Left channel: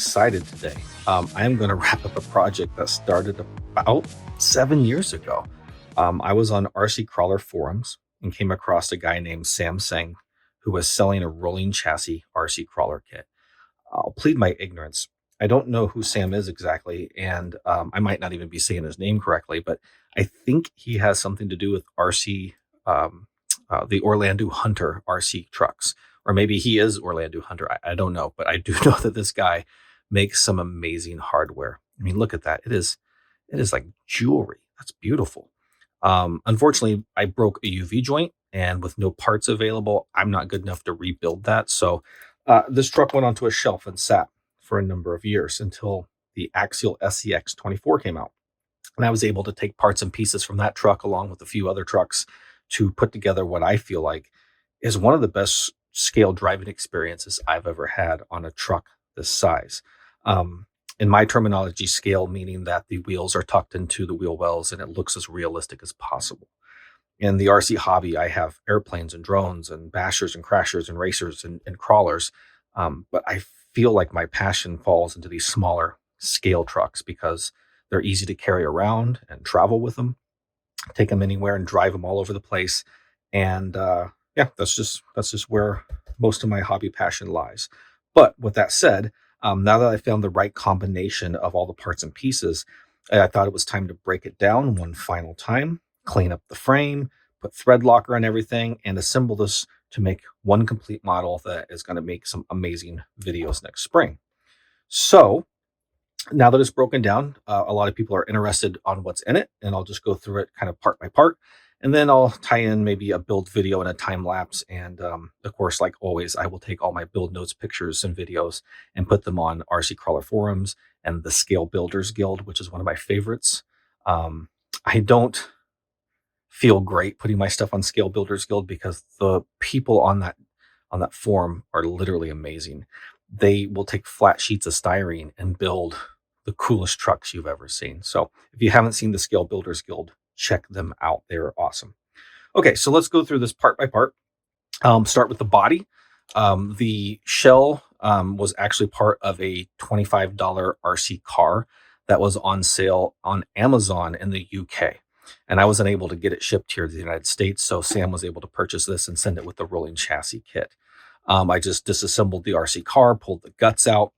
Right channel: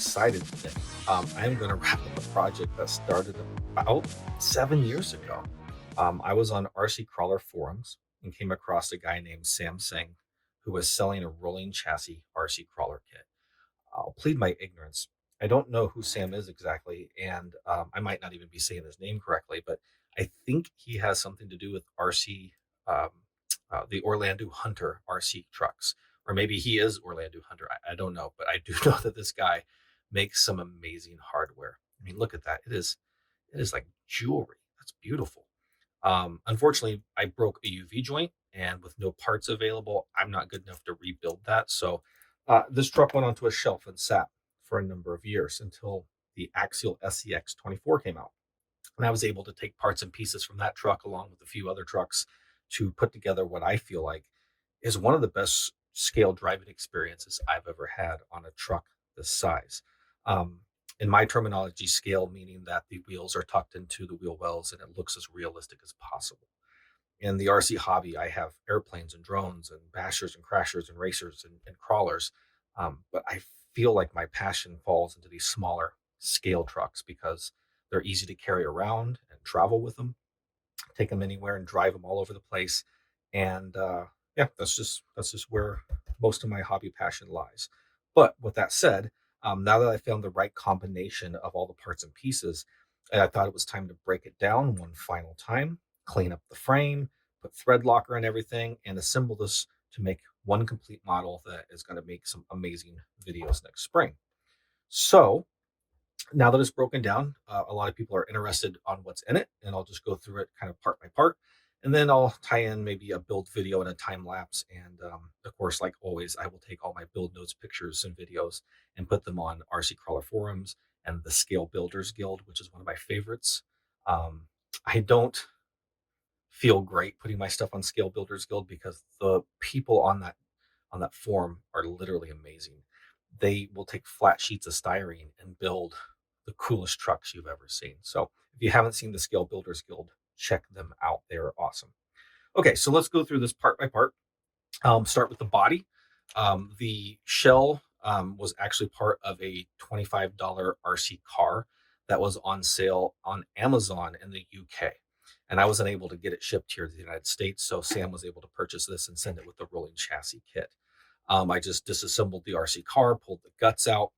excited today. I am going to wrap up a project that started about 7 years ago. I was on RCCrawler forums and came across a guy named Sam Seng who was selling a rolling chassis RC crawler kit. I'll plead my ignorance. I don't know who Sam is exactly, and I might not even be saying his name correctly, but I think he has something to do with RC, the Orlando Hunter RC trucks, or maybe he is Orlando Hunter. I don't know, but I do know that this guy makes some amazing hardware. I mean, look at that. It is like jewelry. That's beautiful. Unfortunately, I broke a UV joint, and with no parts available, I'm not good enough to rebuild that. So this truck went onto a shelf and sat for a number of years until the Axial SCX24 came out. And I was able to take parts and pieces from that truck along with a few other trucks to put together what I feel like is one of the best scale driving experiences I've ever had on a truck this size. In my terminology, scale meaning that the wheels are tucked into the wheel wells and it looks as realistic as possible. In the RC hobby, I have airplanes and drones and bashers and crashers and racers and crawlers. But I feel like my passion falls into these smaller scale trucks because they're easy to carry around and travel with them, take them anywhere and drive them all over the place. And yeah, that's just where most of my hobby passion lies. But with that said, now that I found the right combination of all the parts and pieces, I thought it was time to break it down one final time, clean up the frame, put thread locker on everything, and assemble this to make one complete model that is going to make some amazing videos next spring. So now that it's broken down, a lot of people are interested on what's in it, and I'll just go through it kind of part by part. And then I'll tie in maybe a build video and a time lapse. And of course, like always, I will take all my build notes, pictures, and videos and put them on RC Crawler forums and the Scale Builders Guild, which is one of my favorites. I don't feel great putting my stuff on Scale Builders Guild because the people on that forum are literally amazing. They will take flat sheets of styrene and build the coolest trucks you've ever seen. So if you haven't seen the Scale Builders Guild, check them out. They're awesome. Okay, so let's go through this part by part. Start with the body. The shell was actually part of a $25 RC car that was on sale on Amazon in the UK. And I wasn't able to get it shipped here to the United States, so Sam was able to purchase this and send it with the rolling chassis kit. I just disassembled the RC car, pulled the guts out.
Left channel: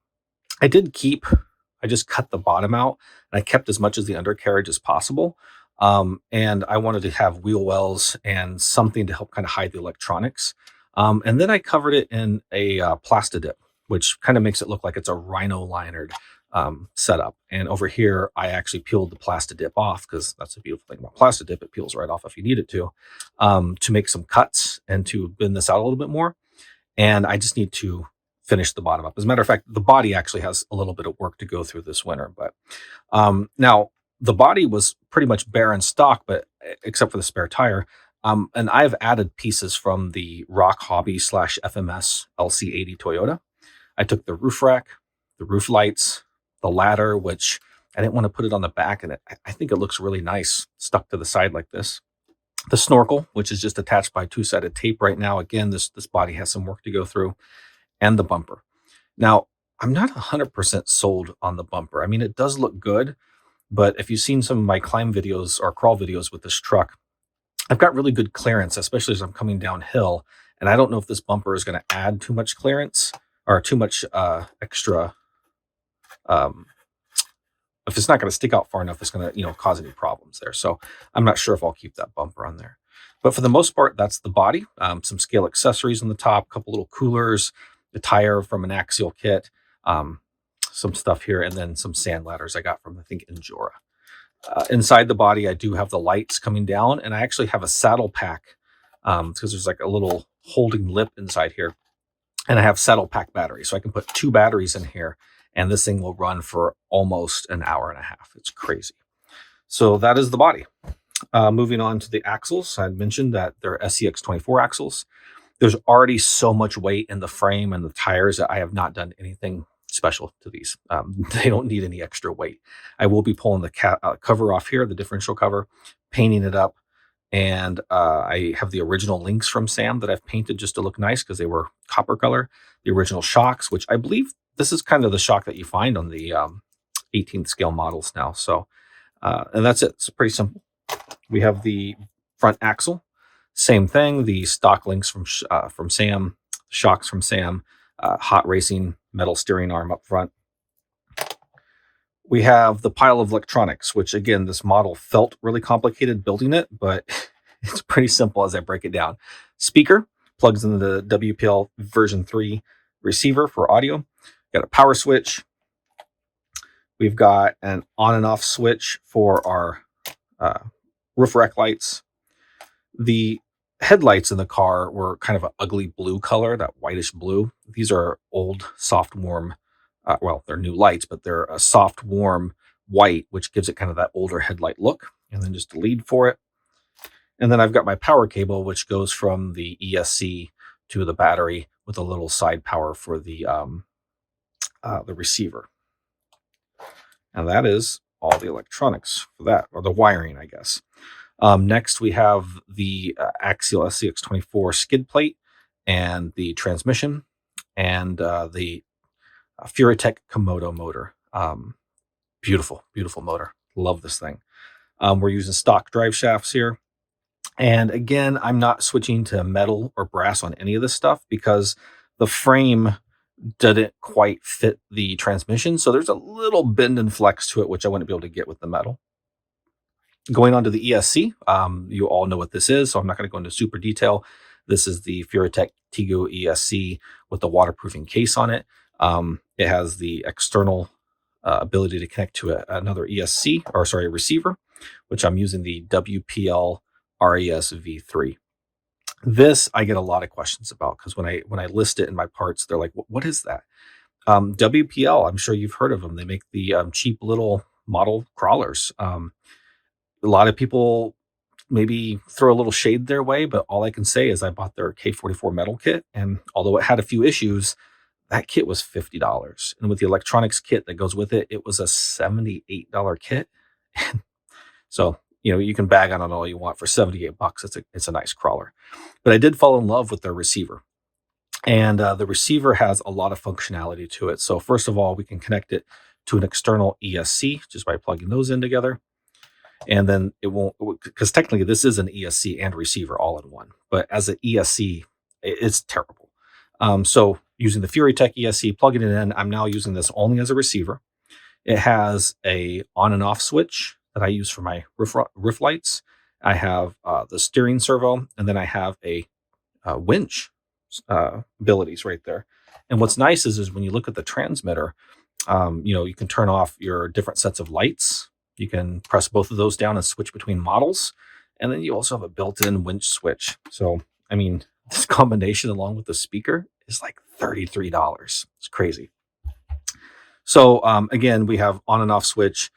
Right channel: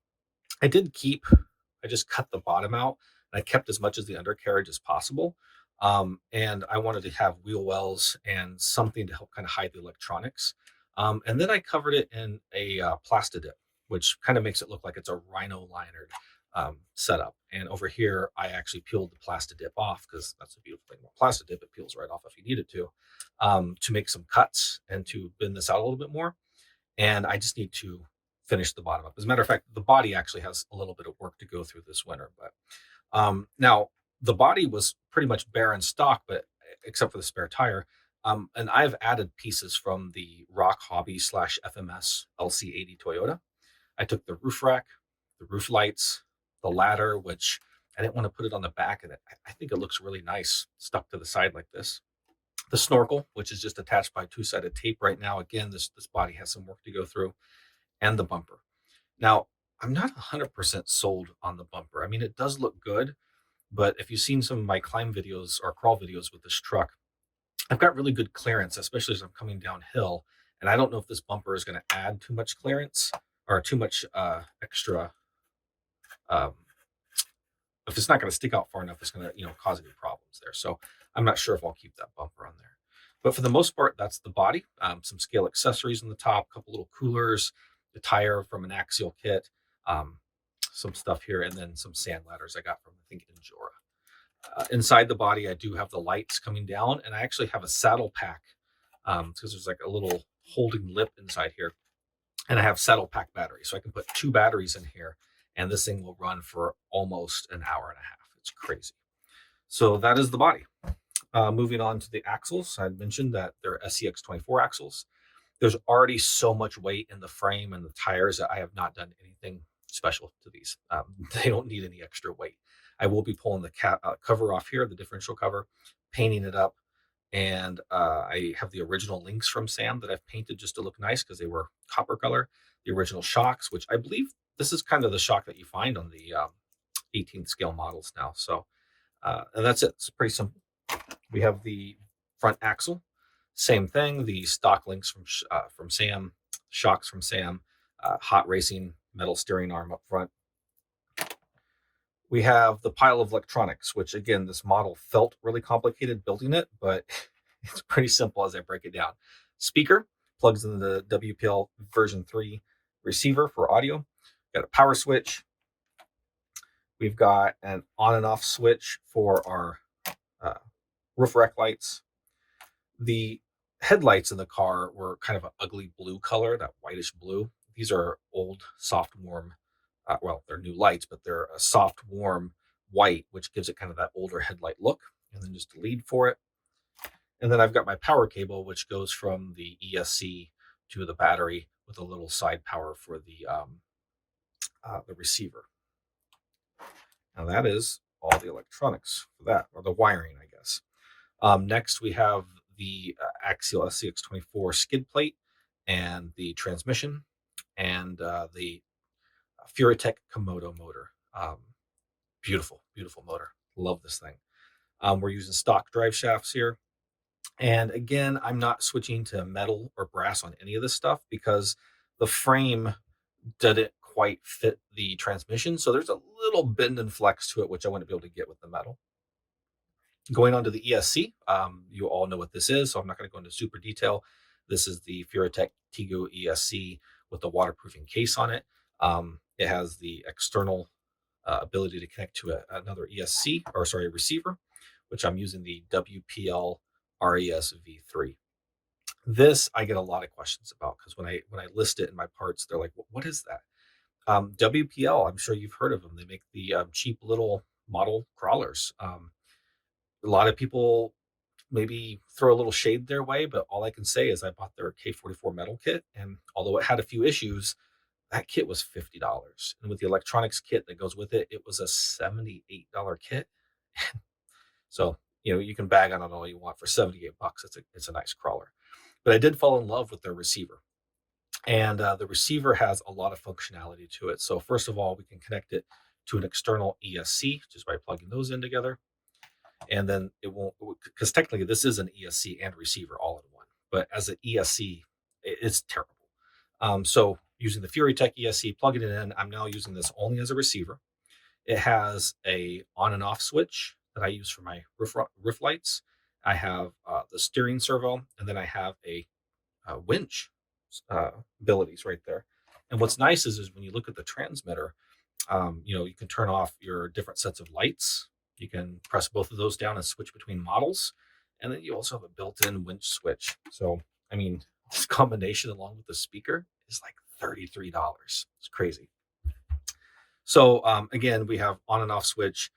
I just cut the bottom out, and I kept as much of the undercarriage as possible. And I wanted to have wheel wells and something to help kind of hide the electronics. And then I covered it in a Plastidip, which kind of makes it look like it's a rhino linered setup. And over here, I actually peeled the Plastidip off because that's a beautiful thing about Plastidip. It peels right off if you need it to make some cuts and to bend this out a little bit more. And I just need to finish the bottom up. As a matter of fact, the body actually has a little bit of work to go through this winter. But now the body was pretty much bare in stock, but except for the spare tire. And I've added pieces from the RocHobby /FMS LC80 Toyota. I took the roof rack, the roof lights, the ladder, which I didn't want to put it on the back, and I think it looks really nice stuck to the side like this. The snorkel, which is just attached by two-sided tape right now. Again, this body has some work to go through, and the bumper. Now, I'm not 100% sold on the bumper. I mean, it does look good, but if you've seen some of my climb videos or crawl videos with this truck, I've got really good clearance, especially as I'm coming downhill. And I don't know if this bumper is going to add too much clearance or too much extra. If it's not going to stick out far enough, it's going to, cause any problems there. So I'm not sure if I'll keep that bumper on there. But for the most part, that's the body. Some scale accessories on the top, a couple little coolers, the tire from an Axial kit, some stuff here, and then some sand ladders I got from, I think, Injora. Inside the body, I do have the lights coming down, and I actually have a saddle pack because there's like a little holding lip inside here. And I have saddle pack batteries, so I can put 2 batteries in here, and this thing will run for almost an hour and a half. It's crazy. So that is the body. Moving on to the axles, I had mentioned that they're SCX24 axles. There's already so much weight in the frame and the tires that I have not done anything special to these. They don't need any extra weight. I will be pulling the cover off here, the differential cover, painting it up, And I have the original links from Sam that I've painted just to look nice because they were copper color. The original shocks, which I believe this is kind of the shock that you find on the 18th scale models now. So, and that's it. It's pretty simple. We have the front axle, same thing. The stock links from Sam, shocks from Sam, hot racing metal steering arm up front. We have the pile of electronics, which again, this model felt really complicated building it, but it's pretty simple as I break it down. Speaker plugs into the WPL version 3 receiver for audio. Got a power switch. We've got an on and off switch for our roof rack lights. The headlights in the car were kind of an ugly blue color, that whitish blue. These are old, soft, warm. Well, they're new lights, but they're a soft, warm white, which gives it kind of that older headlight look. And then just a lead for it. And then I've got my power cable, which goes from the ESC to the battery with a little side power for the receiver. And that is all the electronics for that, or the wiring, I guess. Next, we have the Axial SCX24 skid plate and the transmission and the Furitek Komodo motor. Beautiful, beautiful motor. Love this thing. We're using stock drive shafts here. And again, I'm not switching to metal or brass on any of this stuff because the frame didn't quite fit the transmission. So there's a little bend and flex to it, which I wouldn't be able to get with the metal. Going on to the ESC, you all know what this is, so I'm not going to go into super detail. This is the Furitek Tegu ESC with the waterproofing case on it. It has the external ability to connect to another ESC, or sorry, a receiver, which I'm using the WPL RES V3. This I get a lot of questions about because when I list it in my parts, they're like, "What is that?" WPL, I'm sure you've heard of them. They make the cheap little model crawlers. A lot of people maybe throw a little shade their way, but all I can say is I bought their K44 metal kit, and although it had a few issues, that kit was $50. And with the electronics kit that goes with it, it was a $78 kit. So, you can bag on it all you want. For 78 bucks, it's a nice crawler. But I did fall in love with their receiver. And the receiver has a lot of functionality to it. So first of all, we can connect it to an external ESC just by plugging those in together. And then it won't, because technically this is an ESC and receiver all in one. But as an ESC, it's terrible. So using the Furitek ESC, plugging it in, I'm now using this only as a receiver. It has a on and off switch that I use for my roof lights. I have the steering servo, and then I have a winch abilities right there. And what's nice is when you look at the transmitter, you can turn off your different sets of lights. You can press both of those down and switch between models. And then you also have a built-in winch switch. So, this combination along with the speaker is like $33. It's crazy. So again, we have on and off switch.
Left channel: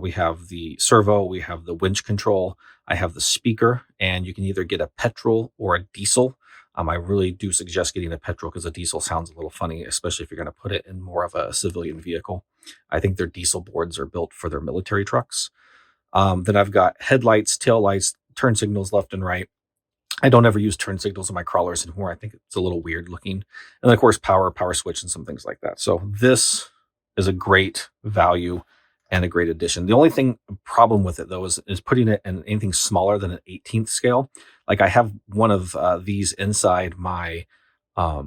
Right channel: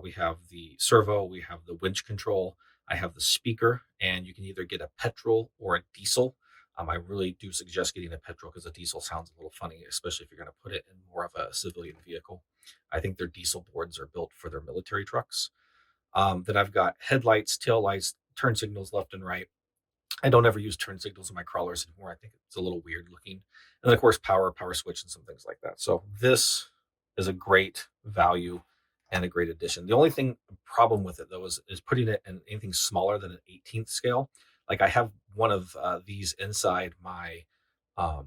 We have the servo. We have the winch control. I have the speaker, and you can either get a petrol or a diesel. I really do suggest getting a petrol because a diesel sounds a little funny, especially if you're going to put it in more of a civilian vehicle. I think their diesel boards are built for their military trucks. Then I've got headlights, taillights, turn signals left and right. I don't ever use turn signals in my crawlers anymore. I think it's a little weird looking. And of course, power switch and some things like that. So this is a great value and a great addition. The only problem with it though is putting it in anything smaller than an 18th scale. Like I have one of these inside my my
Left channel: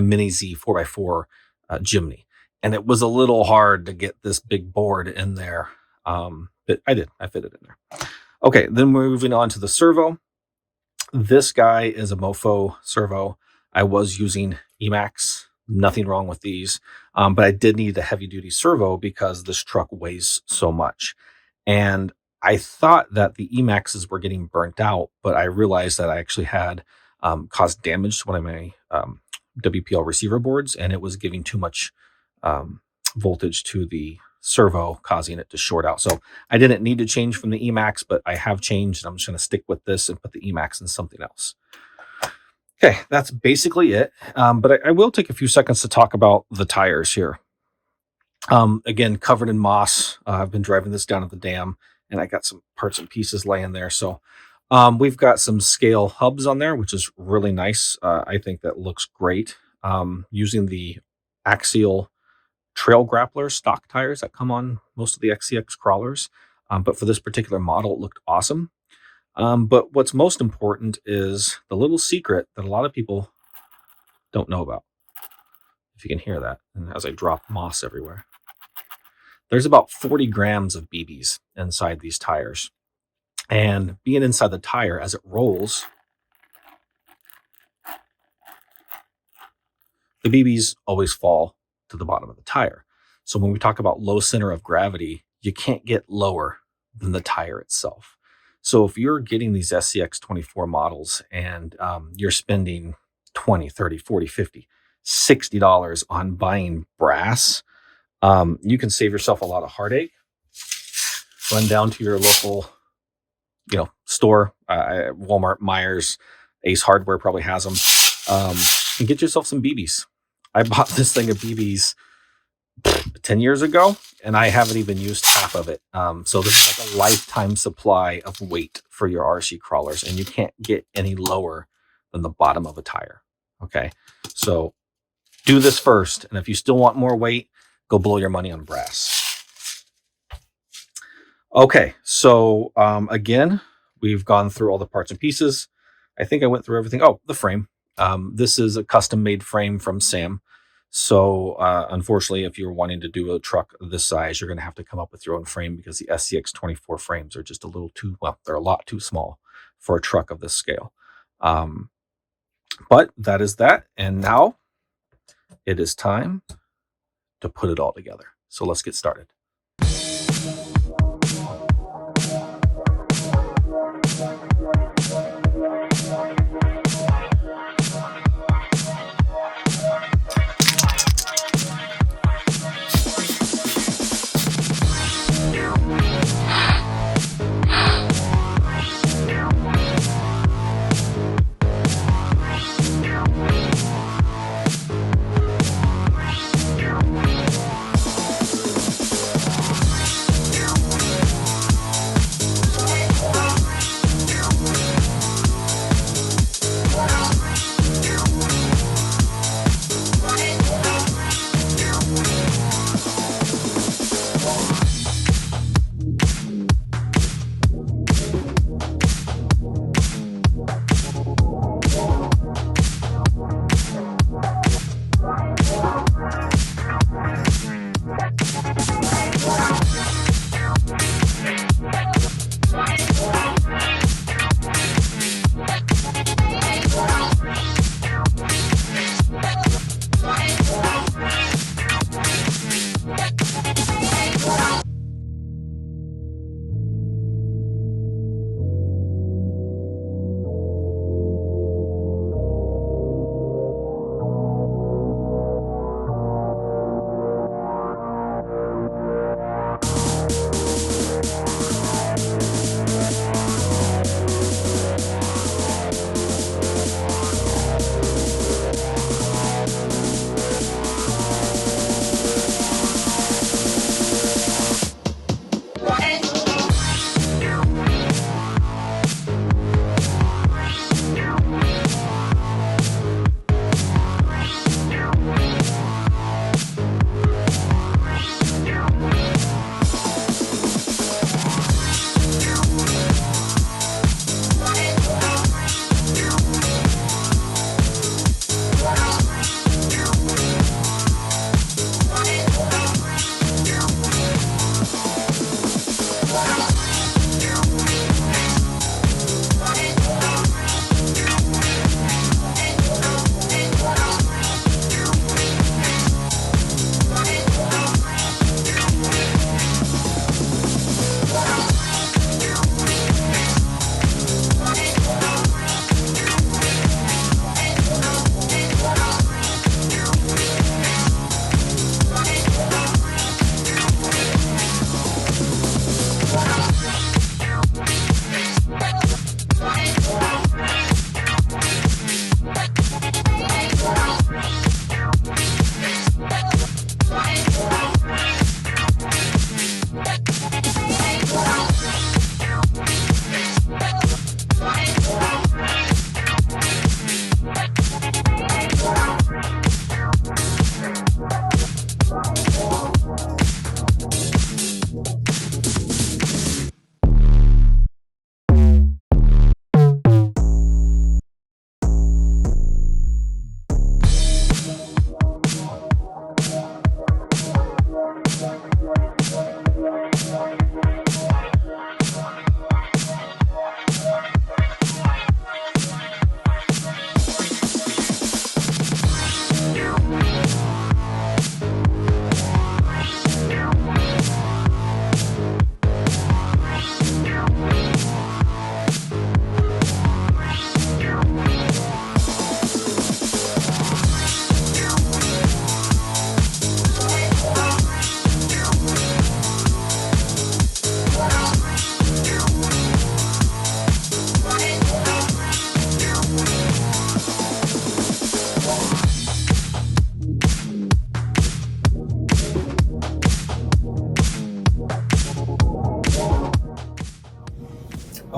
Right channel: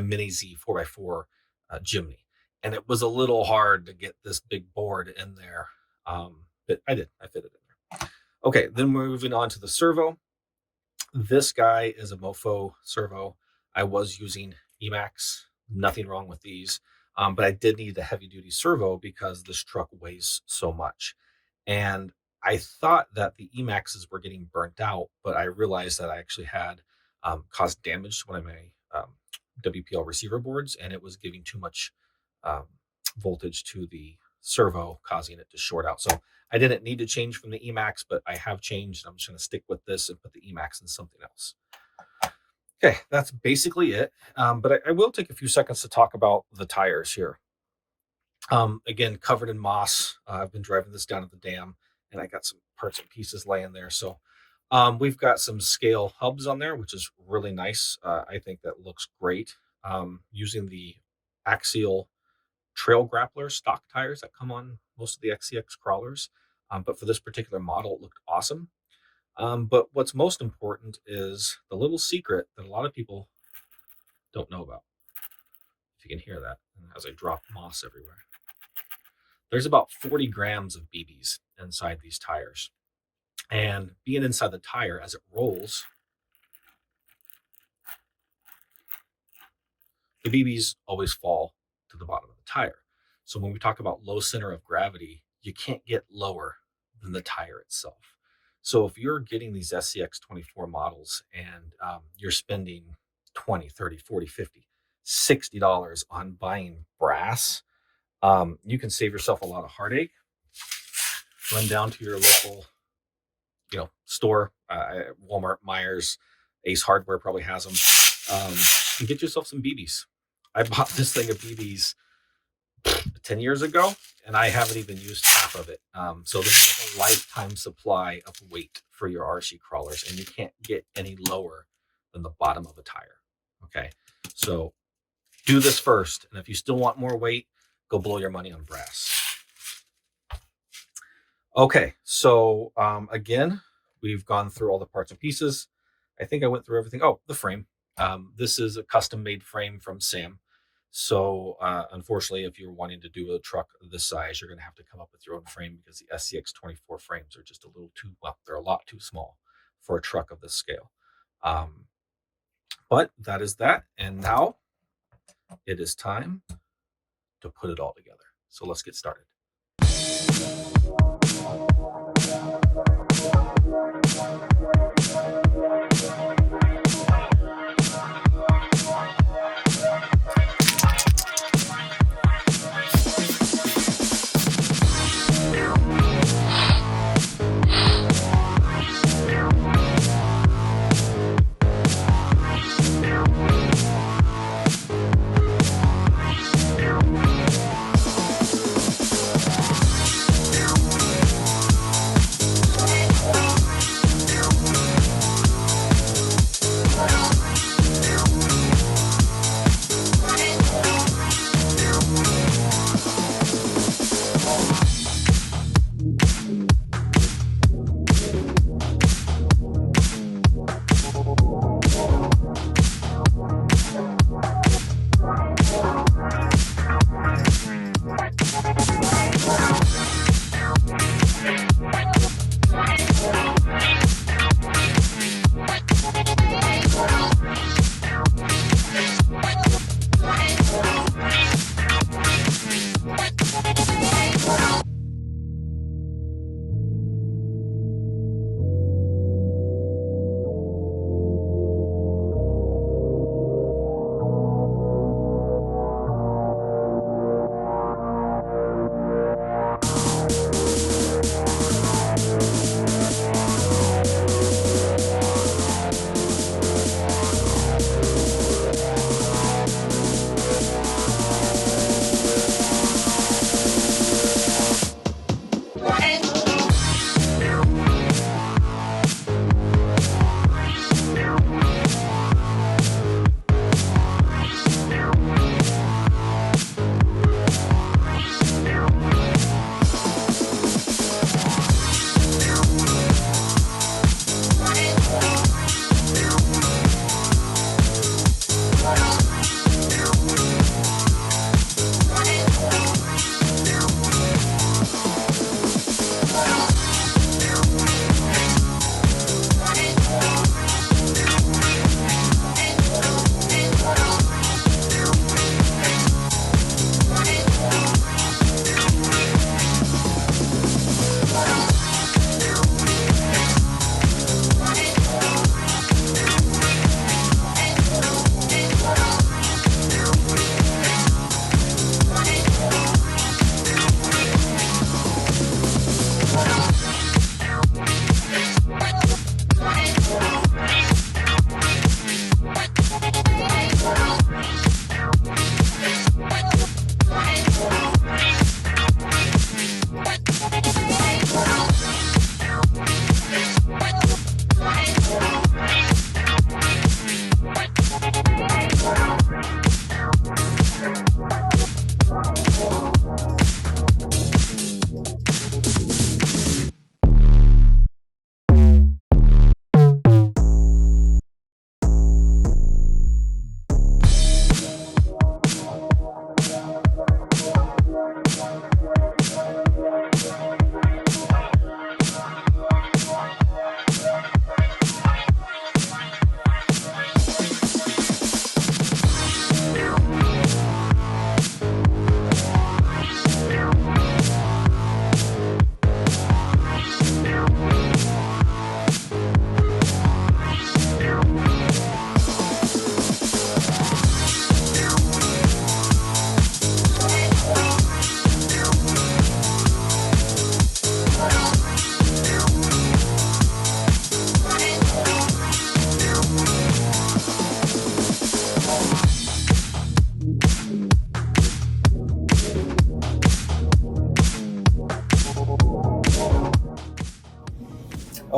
Mini Z 4x4 Jimny, and it was a little hard to get this big board in there. But I fit it in there. Okay, then we're moving on to the servo. This guy is a mofo servo. I was using Emax. Nothing wrong with these, but I did need a heavy duty servo because this truck weighs so much. And I thought that the Emaxes were getting burnt out, but I realized that I actually had caused damage to one of my WPL receiver boards, and it was giving too much voltage to the servo, causing it to short out. So I didn't need to change from the Emax, but I have changed. And I'm just going to stick with this and put the Emax in something else. Okay, that's basically it. But I will take a few seconds to talk about the tires here. Again, covered in moss. I've been driving this down at the dam, and I got some parts and pieces laying there. So we've got some scale hubs on there, which is really nice. I think that looks great. Using the Axial trail grappler stock tires that come on most of the XCX crawlers. But for this particular model, it looked awesome. But what's most important is the little secret that a lot of people don't know about. If you can hear that, and as I drop moss everywhere. There's about 40 grams of BBs inside these tires. And being inside the tire, as it rolls, the BBs always fall to the bottom of the tire. So when we talk about low center of gravity, you can't get lower than the tire itself. So if you're getting these SCX24 models and you're spending 20, 30, 40, 50, $60 on buying brass, you can save yourself a lot of heartache. Run down to your local, store, Walmart, Myers, Ace Hardware probably has them, and get yourself some BBs. I bought this thing of BBs 10 years ago, and I haven't even used half of it. So this is like a lifetime supply of weight for your RC crawlers, and you can't get any lower than the bottom of a tire. Okay, so do this first, and if you still want more weight, go blow your money on brass. Okay, so again, we've gone through all the parts and pieces. I think I went through everything. Oh, the frame. This is a custom-made frame from Sam. So unfortunately, if you're wanting to do a truck this size, you're going to have to come up with your own frame because the SCX24 frames are just a little too, well, they're a lot too small for a truck of this scale. But that is that. And now it is time to put it all together. So let's get started.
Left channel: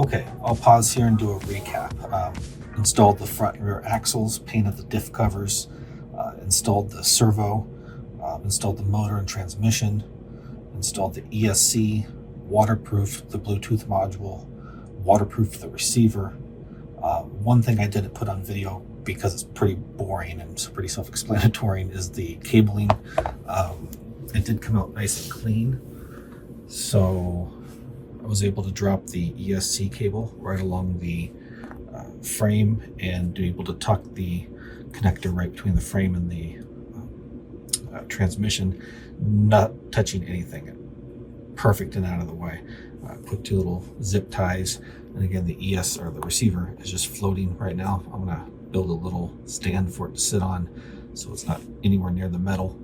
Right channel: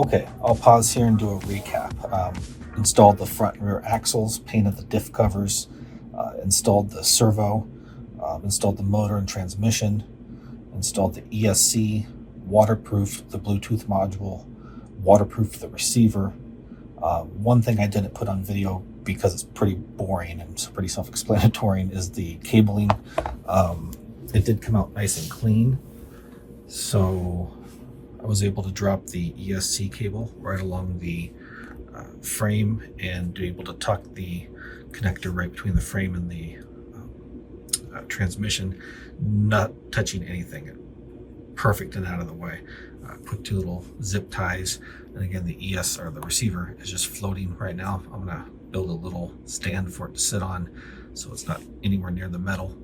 Okay, I'll pause here and do a recap. Installed the front and rear axles, painted the diff covers, installed the servo, installed the motor and transmission, installed the ESC, waterproofed the Bluetooth module, waterproofed the receiver. One thing I didn't put on video because it's pretty boring and it's pretty self-explanatory is the cabling. It did come out nice and clean, so I was able to drop the ESC cable right along the frame and be able to tuck the connector right between the frame and the transmission, not touching anything. Perfect and out of the way. Put two little zip ties, and again the the receiver is just floating right now. I'm gonna build a little stand for it to sit on so it's not anywhere near the metal,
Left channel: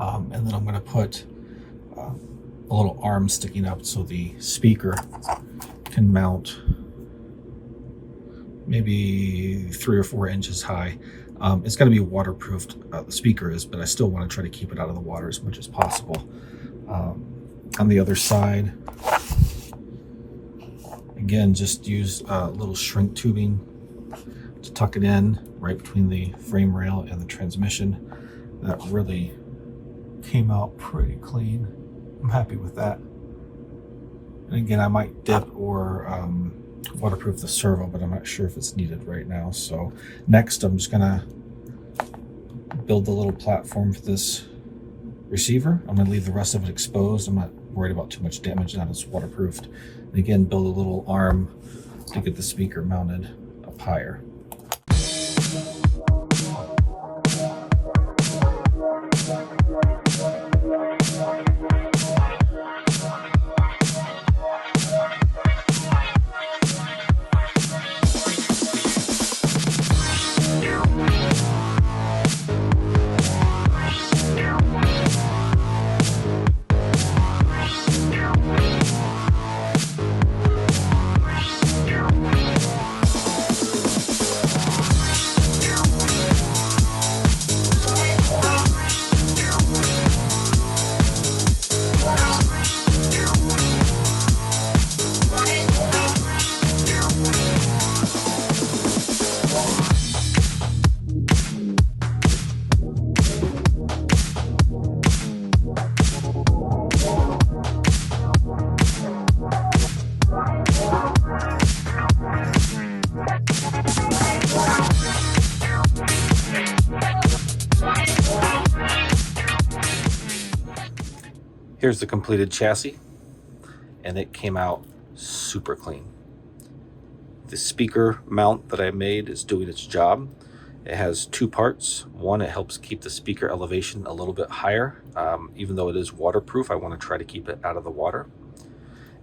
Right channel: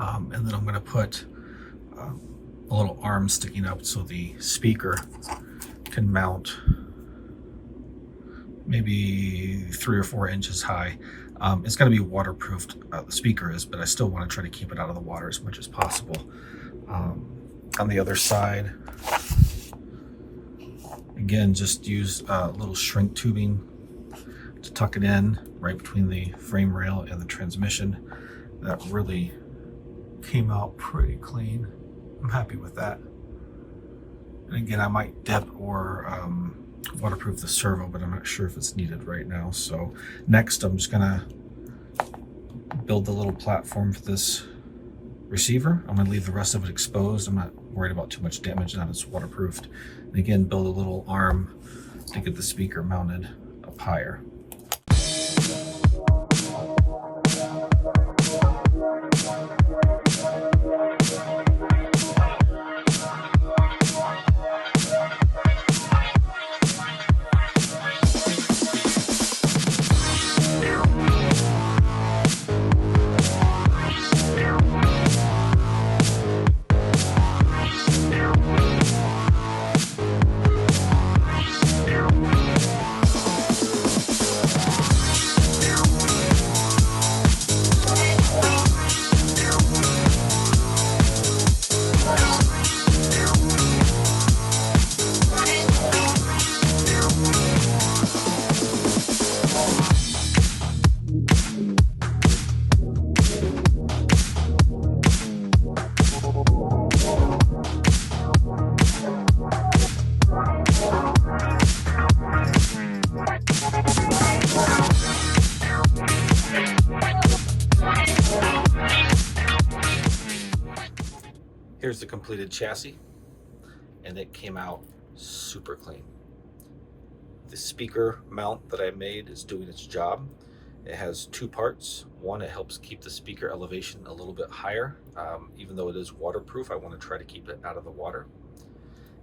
and then I'm gonna put a little arm sticking up so the speaker can mount maybe 3 or 4 inches high. It's going to be waterproofed, the speaker is, but I still want to try to keep it out of the water as much as possible. On the other side, again, just use a little shrink tubing to tuck it in right between the frame rail and the transmission. That really came out pretty clean. I'm happy with that. And again, I might dip or waterproof the servo, but I'm not sure if it's needed right now. So next, I'm just gonna build the little platform for this receiver. I'm gonna leave the rest of it exposed. I'm not worried about too much damage now that it's waterproofed. And again, build a little arm to get the speaker mounted up higher. Here's the completed chassis, and it came out super clean. The speaker mount that I made is doing its job. It has 2 parts. One, it helps keep the speaker elevation a little bit higher. Even though it is waterproof, I want to try to keep it out of the water.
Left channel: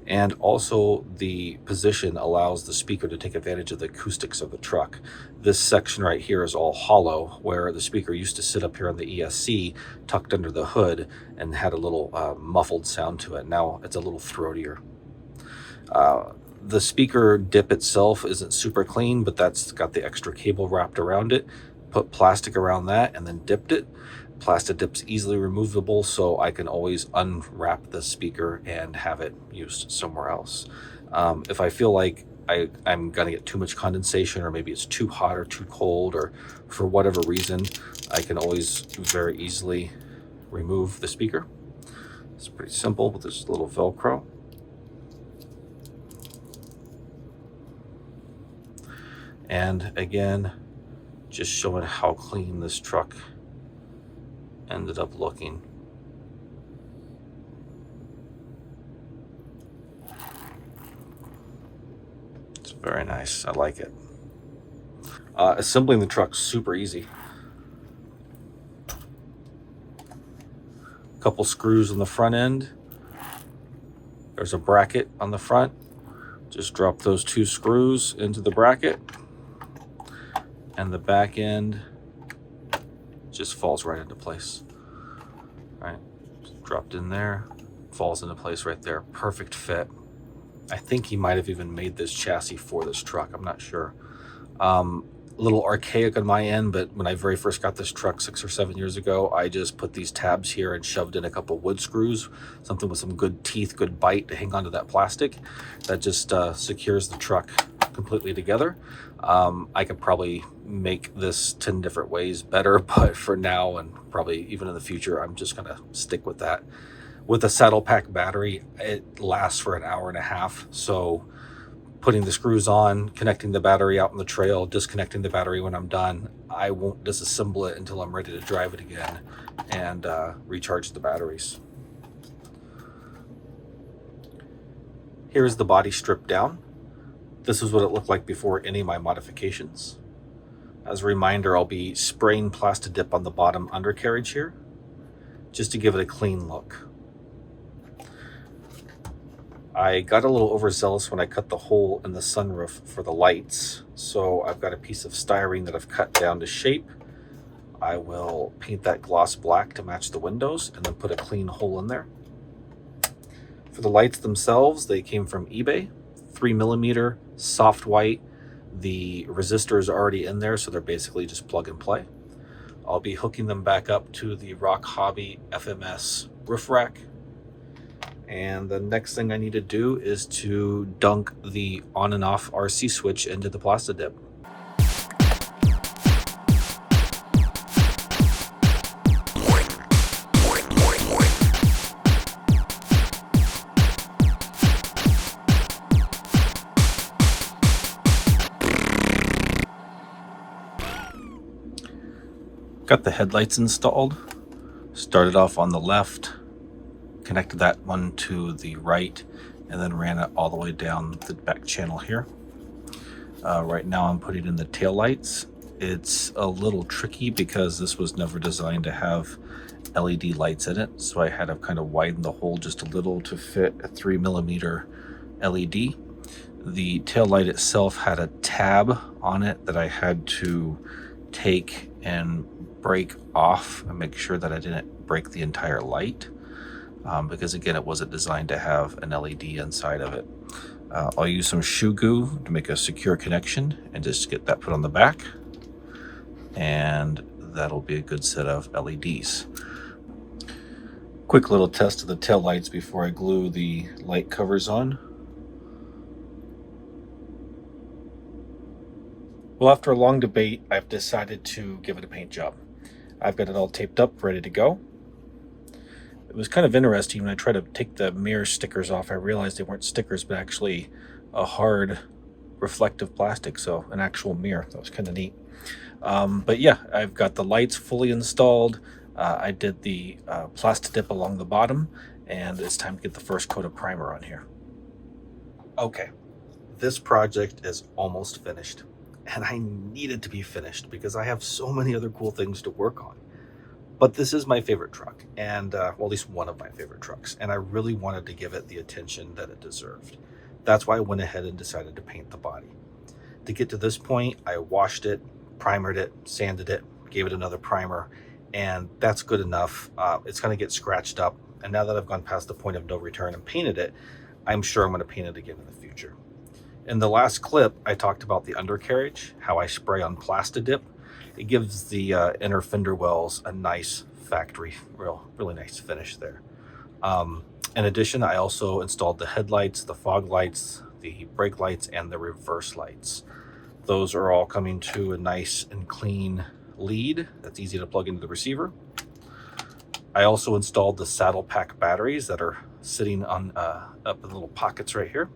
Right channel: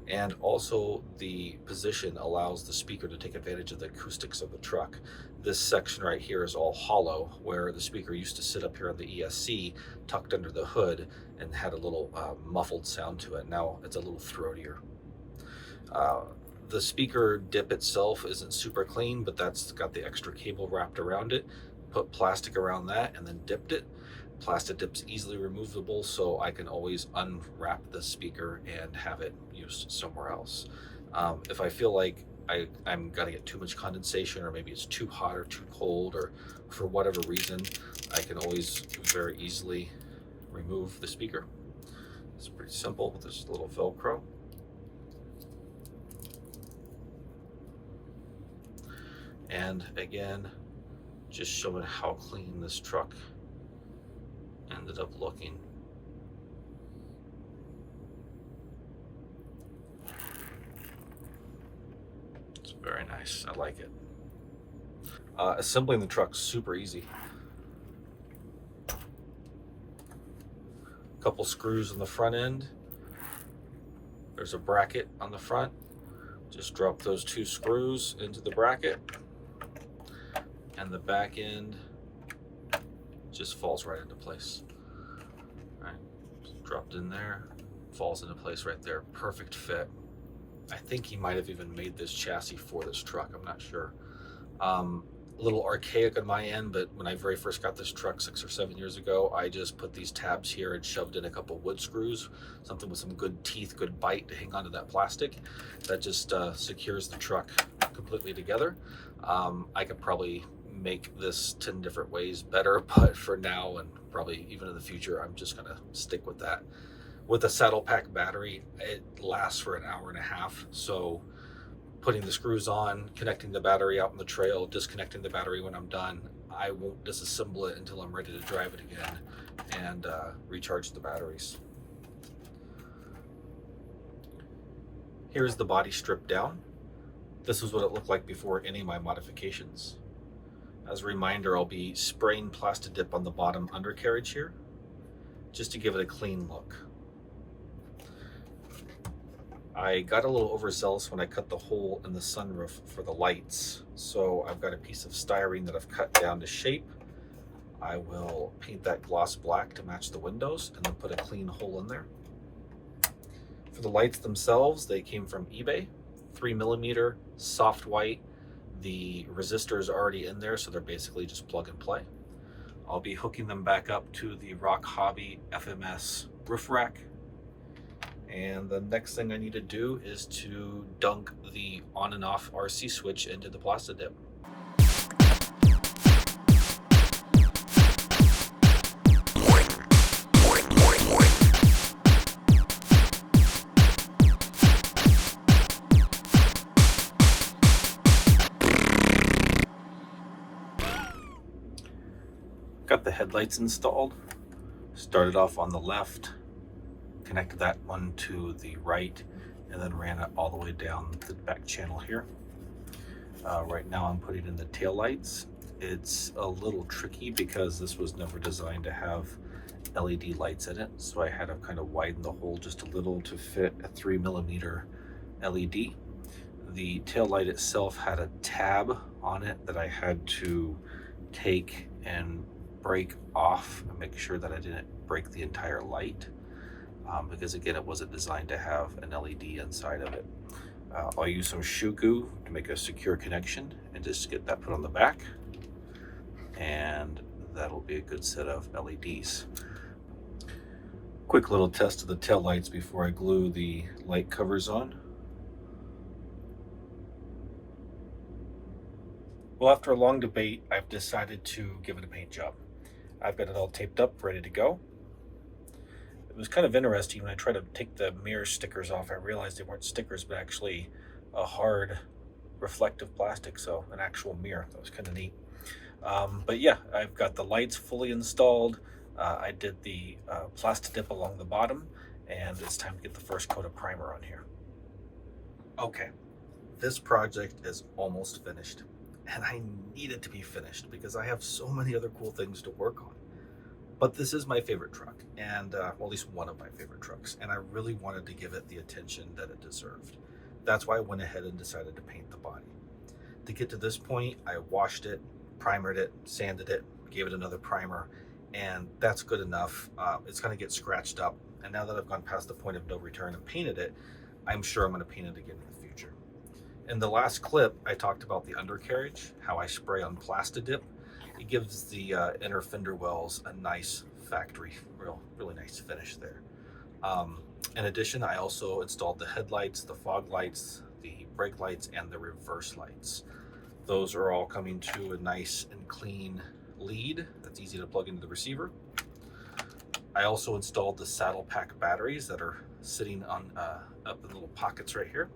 And also the position allows the speaker to take advantage of the acoustics of the truck. This section right here is all hollow, where the speaker used to sit up here on the ESC tucked under the hood and had a little muffled sound to it. Now it's a little throatier. The speaker dip itself isn't super clean, but that's got the extra cable wrapped around it. Put plastic around that and then dipped it. Plastic dip's easily removable, so I can always unwrap the speaker and have it used somewhere else. If I feel like I'm gonna get too much condensation, or maybe it's too hot or too cold, or for whatever reason, I can always very easily remove the speaker. It's pretty simple with this little Velcro. And again, just showing how clean this truck ended up looking. It's very nice. I like it. Assembling the truck's super easy. A couple screws on the front end. There's a bracket on the front. Just drop those 2 screws into the bracket, and the back end just falls right into place. All right, just dropped in there, falls into place right there. Perfect fit. I think he might have even made this chassis for this truck. I'm not sure. a little archaic on my end, but when I very first got this truck 6 or 7 years ago, I just put these tabs here and shoved in a couple wood screws, something with some good teeth, good bite to hang onto that plastic. That just secures the truck completely together. I could probably make this 10 different ways better, but for now and probably even in the future, I'm just gonna stick with that. With a saddle pack battery, it lasts for an hour and a half. So putting the screws on, connecting the battery out in the trail, disconnecting the battery when I'm done, I won't disassemble it until I'm ready to drive it again and recharge the batteries. Here's the body stripped down. This is what it looked like before any of my modifications. As a reminder, I'll be spraying Plastidip on the bottom undercarriage here, just to give it a clean look. I got a little overzealous when I cut the hole in the sunroof for the lights, so I've got a piece of styrene that I've cut down to shape. I will paint that gloss black to match the windows and then put a clean hole in there. For the lights themselves, they came from eBay, 3mm, soft white. The resistor is already in there, so they're basically just plug and play. I'll be hooking them back up to the RocHobby FMS roof rack. And the next thing I need to do is to dunk the on and off RC switch into the Plastidip. Got the headlights installed. Started off on the left, connected that one to the right, and then ran it all the way down the back channel here. Right now I'm putting in the tail lights. It's a little tricky because this was never designed to have LED lights in it, so I had to kind of widen the hole just a little to fit a 3mm LED. The tail light itself had a tab on it that I had to take and break off and make sure that I didn't break the entire light. Because again, it wasn't designed to have an LED inside of it. I'll use some shoe goo to make a secure connection and just get that put on the back, and that'll be a good set of LEDs. Quick little test of the tail lights before I glue the light covers on. Well, after a long debate, I've decided to give it a paint job. I've got it all taped up, ready to go. It was kind of interesting when I tried to take the mirror stickers off. I realized they weren't stickers, but actually a hard reflective plastic, so an actual mirror. That was kind of neat. But yeah, I've got the lights fully installed. I did the Plastidip along the bottom, and it's time to get the first coat of primer on here. Okay, this project is almost finished, and I need it to be finished because I have so many other cool things to work on. But this is my favorite truck, and well, at least one of my favorite trucks, and I really wanted to give it the attention that it deserved. That's why I went ahead and decided to paint the body. To get to this point, I washed it, primered it, sanded it, gave it another primer, and that's good enough. It's going to get scratched up, and now that I've gone past the point of no return and painted it, I'm sure I'm going to paint it again in the future. In the last clip, I talked about the undercarriage, how I spray on Plastidip. It gives the inner fender wells a nice factory, really nice finish there. In addition, I also installed the headlights, the fog lights, the brake lights, and the reverse lights. Those are all coming to a nice and clean lead that's easy to plug into the receiver. I also installed the saddle pack batteries that are sitting on up in little pockets right here.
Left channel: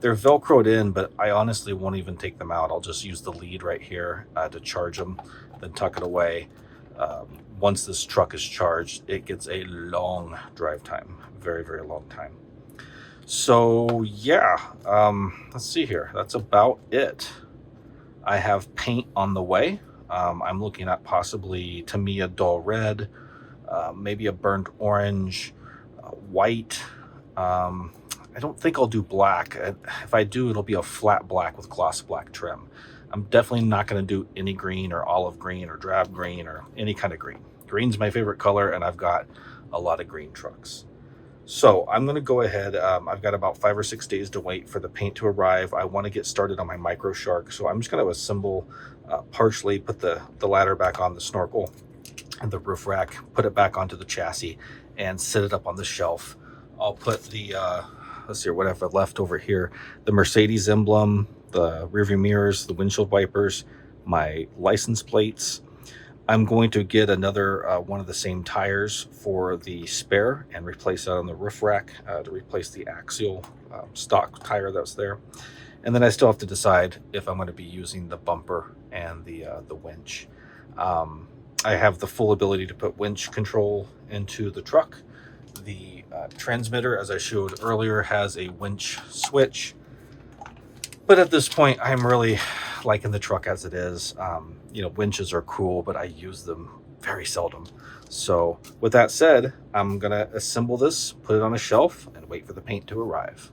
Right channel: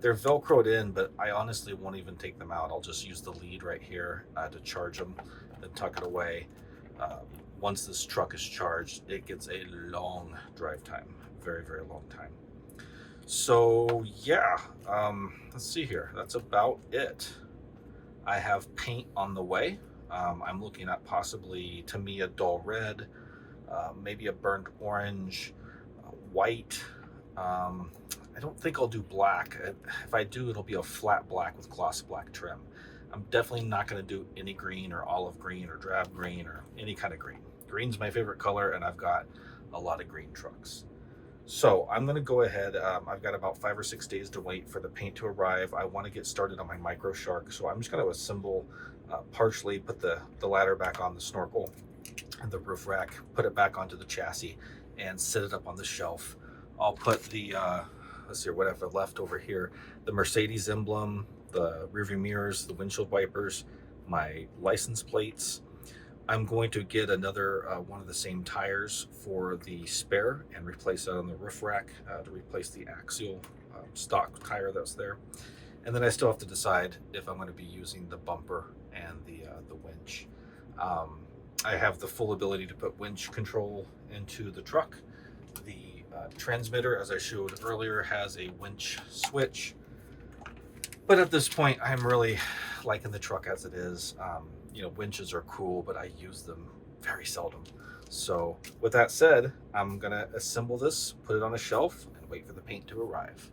They're Velcroed in, but I honestly won't even take them out. I'll just use the lead right here to charge them, then tuck it away. Once this truck is charged, it gets a long drive time, very, very long time. So yeah, let's see here. That's about it. I have paint on the way. I'm looking at possibly, to me, a dull red, maybe a burnt orange, white. I don't think I'll do black. If I do, it'll be a flat black with gloss black trim. I'm definitely not going to do any green or olive green or drab green or any kind of green. Green's my favorite color, and I've got a lot of green trucks. So I'm going to go ahead. I've got about 5 or 6 days to wait for the paint to arrive. I want to get started on my Micro Shark, so I'm just going to assemble partially put the ladder back on the snorkel and the roof rack, put it back onto the chassis, and set it up on the shelf. I'll put the let's see what I have left over here: the Mercedes emblem, the rearview mirrors, the windshield wipers, my license plates. I'm going to get another one of the same tires for the spare and replace that on the roof rack to replace the Axial stock tire that's there. And then I still have to decide if I'm going to be using the bumper and the winch. I have the full ability to put winch control into the truck. The transmitter, as I showed earlier, has a winch switch. But at this point, I'm really liking the truck as it is. You know, winches are cool, but I use them very seldom. So with that said, I'm gonna assemble this, put it on a shelf, and wait for the paint to arrive.